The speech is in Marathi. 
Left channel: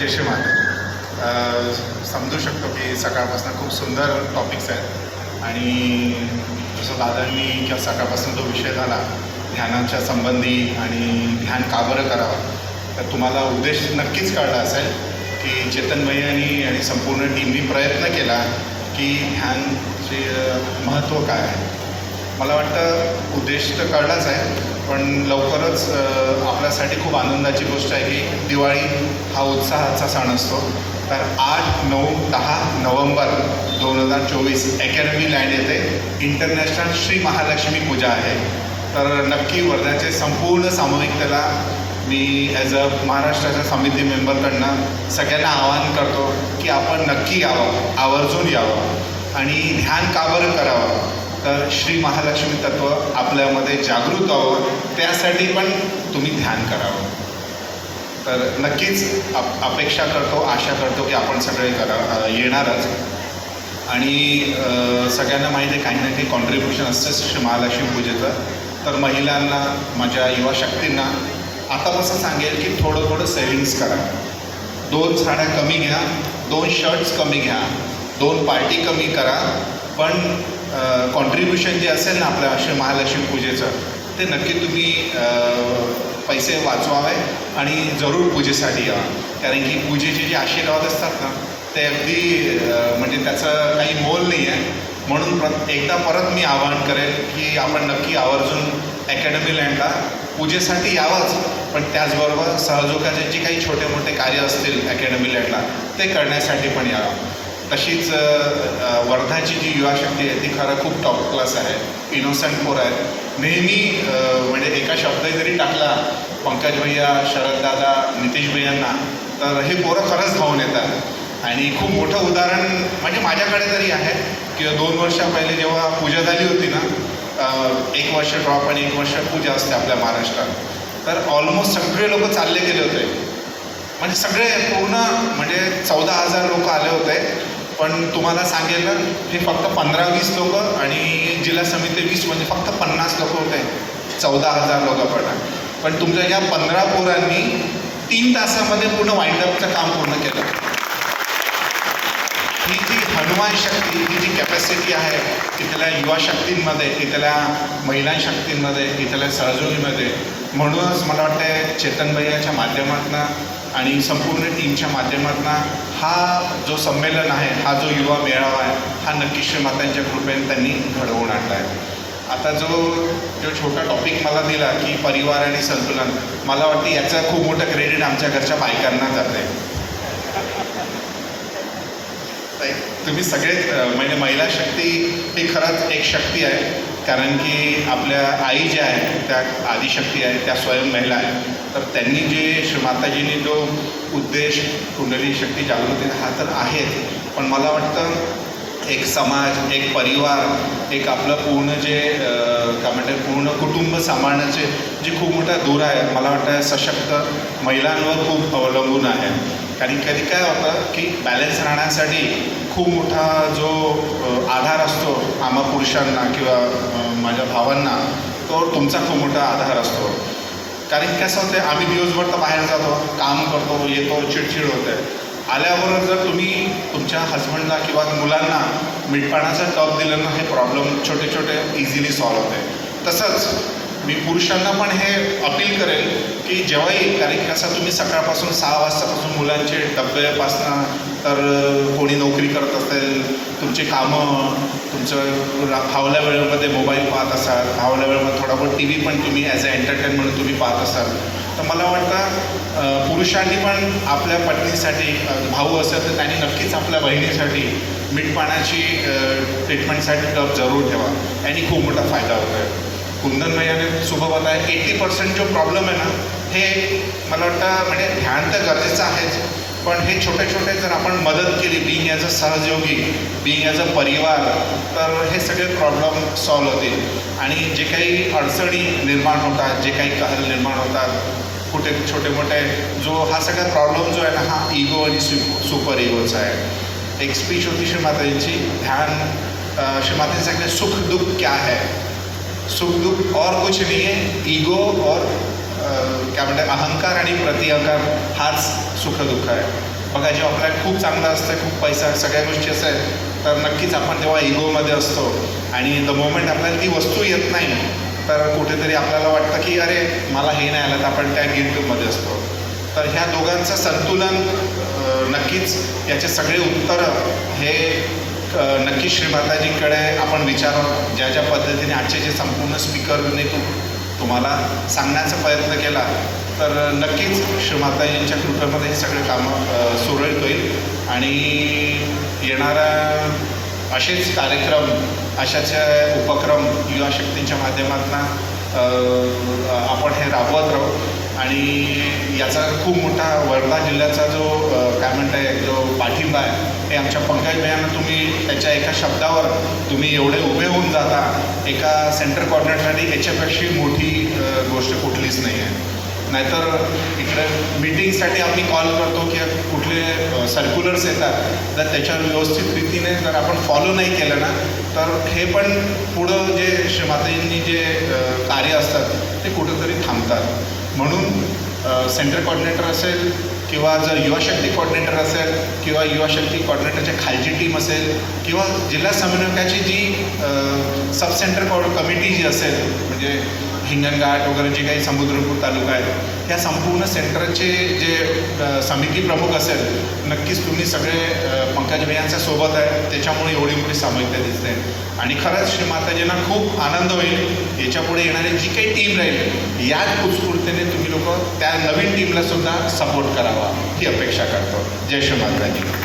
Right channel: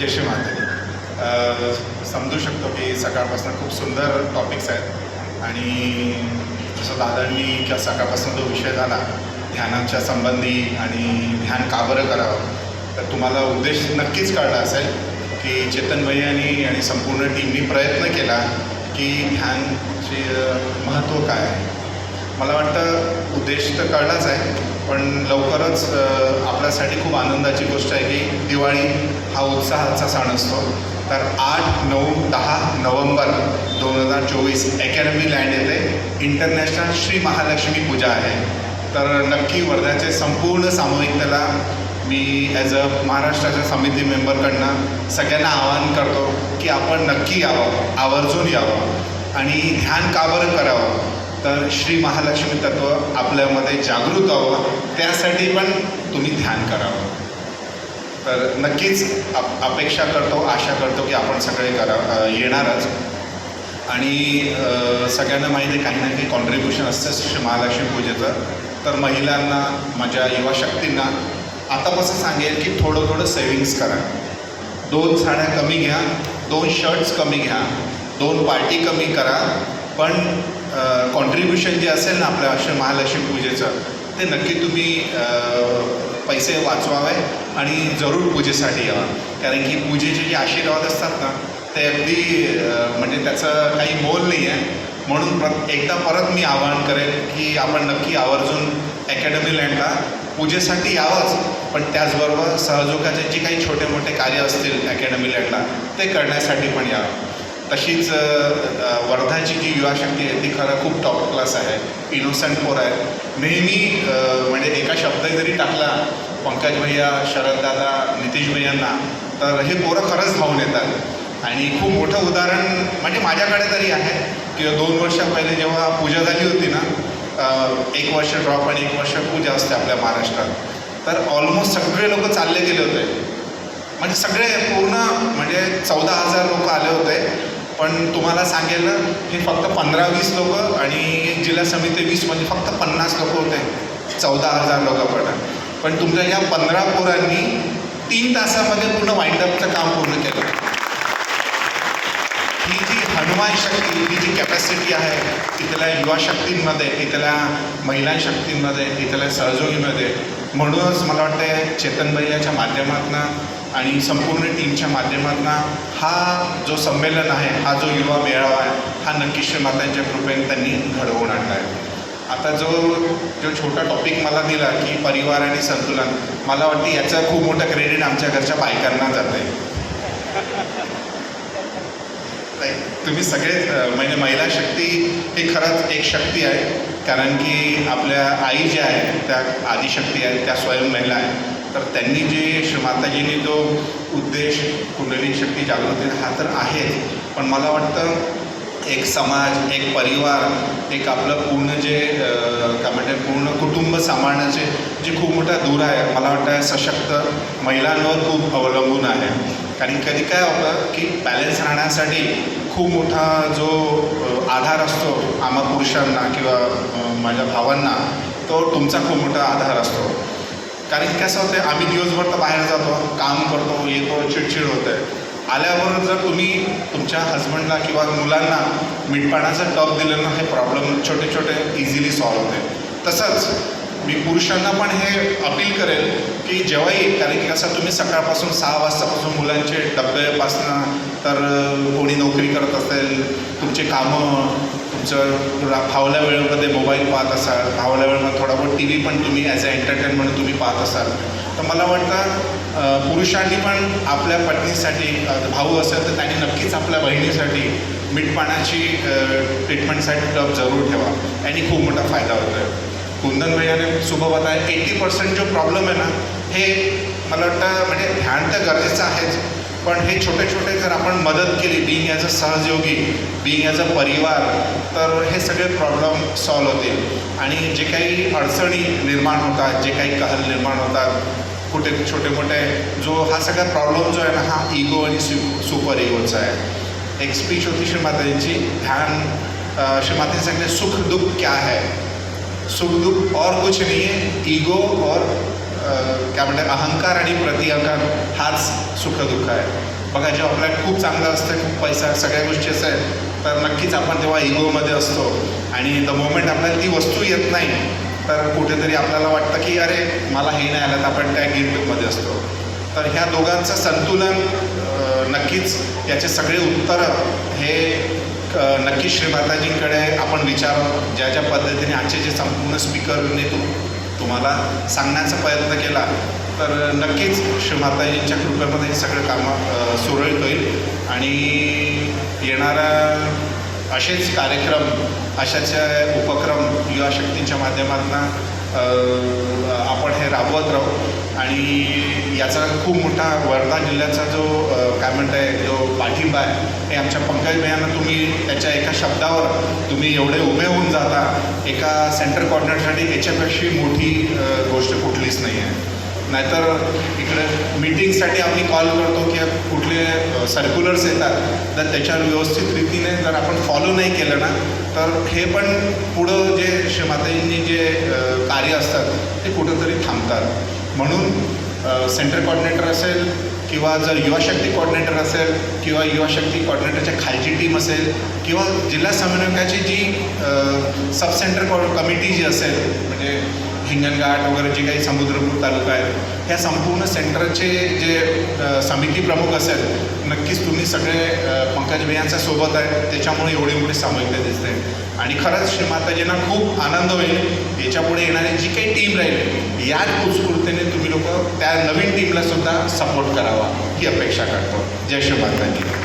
जय श्री माते समजू शकतो की सकाळपासून खूप सुंदर टॉपिक्स आहेत. आणि जसं दादांनी किंवा सकाळपासून जो विषय झाला ध्यानाच्या संबंधी आणि ध्यान का बरं करावं तर तुम्हाला उद्देश नक्कीच कळला असेल की चेतन भैयांनी आणि संपूर्ण टीमनी प्रयत्न केला की ध्यानचे महत्त्व काय आहे. मला वाटतं उद्देश तर कळलाच आहे. पण लवकरच आपल्यासाठी खूप आनंदाची गोष्ट आहे की दिवाळी हा उत्साहाचा सण असतो. तर आठ नऊ दहा नोव्हेंबर दोन हजार चोवीस अकॅडमी लँड येथे इंटरनॅशनल श्री महालक्ष्मी पूजा आहे. तर नक्की वर्ध्याचे संपूर्ण सामूहिक त्याला मी ॲज अ महाराष्ट्राच्या समिती मेंबरकडनं सगळ्यांना आवाहन करतो की आपण नक्की यावं आवर्जून यावं आणि ध्यान का बरं करावं? तर श्री महालक्ष्मी तत्व आपल्यामध्ये जागृत व्हावं त्यासाठी पण तुम्ही ध्यान करावं. तर नक्कीच अप अपेक्षा करतो आशा करतो की आपण सगळे करा येणारच. आणि सगळ्यांना माहिती आहे काही ना काही कॉन्ट्रीब्युशन असतंच श्री महालक्ष्मी पूजेचं. तर महिलांना माझ्या युवा शक्तींना आतापासून सांगेल की थोडं थोडं सेविंग्स करा. दोन साड्या कमी घ्या दोन शर्ट्स कमी घ्या दोन पार्टी कमी करा पण कॉन्ट्रीब्युशन जे असेल ना आपल्या श्री महालक्ष्मी पूजेचं ते नक्की तुम्ही पैसे वाचवावे आणि जरूर पूजेसाठी या. कारण की पूजेचे जे आशीर्वाद असतात ना ते अगदी म्हणजे त्याचं काही मोल नाही आहे. म्हणून प्र एकदा परत मी आवाहन करेन की आपण नक्की आवर्जून अकॅडमी लँडला पूजेसाठी यावंच. पण त्याचबरोबर सहजोगाचे जे काही छोटे मोठे कार्य असतील अकॅडमी लँडला ते करण्यासाठी पण यावं तशीच वर्धाची जी युवा शक्ती आहे ती खरं खूप टॉप क्लास आहे. इनोसंट पोर आहेत. नेहमी म्हणजे एका शब्द जरी टाकला पंकज भैया शरददादा नितीश भैयांना तर हे पोरं खरंच धावून येतात. आणि खूप मोठं उदाहरण म्हणजे माझ्याकडे तरी आहे की दोन वर्षा पहिले जेव्हा पूजा झाली होती ना एक वर्ष ड्रॉप आणि एक वर्ष पूजा असते आपल्या महाराष्ट्रात. तर ऑलमोस्ट सगळे लोक चालले गेले होते. म्हणजे सगळे पूर्ण म्हणजे चौदा हजार लोक आले होते. पण तुम्हाला सांगेल ना की फक्त पंधरा वीस लोक आणि जिल्हा समिती वीस म्हणजे फक्त पन्नास लोक होते. चौदा हजार लोक पण पण तुमच्या या पंधरा पोरांनी तीन तासामध्ये पूर्ण वाईंडअपचं काम पूर्ण केलं. ही जी हनुमान शक्ती ही जी कॅपॅसिटी आहे तिथल्या युवा शक्तींमध्ये तिथल्या महिला शक्तींमध्ये तिथल्या सहजोगीमध्ये म्हणूनच मला वाटतं चेतन भैयाच्या माध्यमातून आणि संपूर्ण टीमच्या माध्यमातून हा जो संमेलन आहे हा जो युवा मेळावा आहे हा नक्की श्रीमातांच्या कृपेने त्यांनी घडवून आणला आहे. आता जो जो छोटा टॉपिक मला दिला की परिवार आणि संतुलन मला वाटतं याचा खूप मोठं क्रेडिट आमच्या घरच्या बायकांना जाते तुम्ही सगळे म्हणजे महिला शक्ती ही खरंच एक शक्ती आहे कारण की आपल्या आई ज्या आहेत त्या आदिशक्ती आहेत त्या स्वयं महिला आहेत. तर त्यांनी जे माताजींनी जो उद्देश कुंडली शक्ती जागृती हा तर आहेच. पण मला वाटतं एक समाज एक परिवार एक आपलं पूर्ण जे काय म्हणते पूर्ण कुटुंब सांभाळण्याचे जे खूप मोठा दूर आहे मला वाटतं सशक्त महिलांवर खूप अवलंबून आहे. कारण कधी काय होतं की बॅलन्स राहण्यासाठी खूप मोठा जो आधार असतो आम्हा पुरुषांना किंवा माझ्या भावांना तो तुमचा खूप मोठा आधार असतो. कारण कसं होतं आम्ही दिवसभर तर बाहेर जातो काम करतो येतो चिडचिड होतं आल्यावर जर तुम्ही तुमच्या हस्बंडला किंवा मुलांना मीठपाण्याचं टप दिलं ना हे प्रॉब्लेम छोटे छोटे इझिली सॉल्व्ह होते तसंच मी पुरुषांना पण हे अपील करेल की जेव्हाही कारण की कसं तुम्ही सकाळपासून सहा वाजतापासून मुलांचे डब्यापासून तर कोणी नोकरी करत असेल तुमचे कामं तुमचं फावल्या वेळेमध्ये मोबाईल पाहत असाल फावल्या वेळेमध्ये थोडा बहुत टी व्ही पण तुम्ही ॲज अ एंटरटेन म्हणून तुम्ही पाहत असाल. तर मला वाटतं पुरुषांनी पण आपल्या पत्नीसाठी भाऊ असेल तर त्यांनी नक्कीच आपल्या बहिणीसाठी मीठपाण्याची ट्रीटमेंटसाठी टप जरूर ठेवा. यांनी खूप मोठा फायदा होतो कुंदन याने सुबह आहे एटी पर्सेंट जो प्रॉब्लेम आहे ना हे मला वाटतं म्हणजे ध्यान तर गरजेचं आहेच. पण हे छोटे छोटे जर आपण मदत केली बिंग ॲज अ सहयोगी बिंग ॲज अ परिवार तर हे सगळे प्रॉब्लेम सॉल्व्ह होतील. आणि जे काही अडचणी निर्माण होतात जे काही कहल निर्माण होतात कुठे छोटे मोठे जो हा सगळा प्रॉब्लेम जो आहे ना हा इगो आणि सु सुपर इगोचा आहे. एक स्पीच होती श्री माताजींची ध्यान श्री माताजी सांगते सुख दुःख क्या है? सुख दुःख और कुछ नाही आहे इगो और काय म्हणतात अहंकार आणि प्रतिअहंकार आज सुख दुःख आहे. बघा जेव्हा आपल्याला खूप चांगलं असते खूप पैसा सगळ्या गोष्टीचं आहे तर नक्कीच आपण तेव्हा इगोमध्ये असतो. आणि द मोमेंट आपल्याला ती वस्तू येत नाही तर कुठेतरी आपल्याला वाटतं की अरे मला हे नाही आलं तर आपण त्या गिल्टमध्ये असतो. तर ह्या दोघांचं संतुलन नक्कीच याचे सगळे उत्तर हे नक्की नक्कीच श्रीमाताजींकडे आपण विचारावं. ज्या ज्या पद्धतीने आजचे जे संपूर्ण स्पीकरने तुम्हाला सांगण्याचा प्रयत्न केला तर नक्कीच श्रीमाताजींच्या कृपेमध्ये हे सगळं कामं सुरळीत होईल. आणि येणारा असेच कार्यक्रम अशाच उपक्रम युवा शक्तींच्या माध्यमातून आपण हे राबवत राहू. आणि याचा खूप मोठा वर्धा जिल्ह्याचा जो काय म्हणताय जो पाठिंबा आहे हे आमच्या पंकज मॅम तुम्ही त्याच्या एका शब्दावर तुम्ही एवढे उभे होऊन जाता एका सेंटर कॉर्डिनेटरसाठी याच्यापेक्षा मोठी गोष्ट कुठलीच नाही आहे नाहीतर इकडे मीटिंगसाठी आम्ही कॉल करतो की कुठले सर्क्युलर्स येतात तर त्याच्यावर व्यवस्थित रीतीने जर आपण फॉलो नाही केलं ना तर हे पण पुढं जे श्रीमाताजींनी जे कार्य असतात ते कुठंतरी थांबतात. म्हणून सेंटर कॉर्डिनेटर असेल किंवा जर युवा शक्ती कॉर्डिनेटर असेल किंवा युवा शक्ती कॉर्डिनेटरच्या खालची टीम असेल किंवा जिल्हा समन्वयकाची जी सब सेंटर कॉ कमिटी जी असेल म्हणजे हिंगणघाट वगैरे जे काही समुद्रपूर तालुका आहेत ह्या संपूर्ण सेंटरचे जे समिती प्रमुख असेल नक्कीच तुम्ही सगळे पंकज भैयांच्या सोबत आहे. त्याच्यामुळे एवढी मोठी सामूहिकता दिसते. आणि खरंच श्री माताजींना खूप आनंद होईल. याच्यापुढे येणारी जी काही टीम राहील याच उत्स्फूर्तीने तुम्ही लोक त्या नवीन टीमला सुद्धा सपोर्ट करावा ही अपेक्षा करतो. जय श्री माताजी.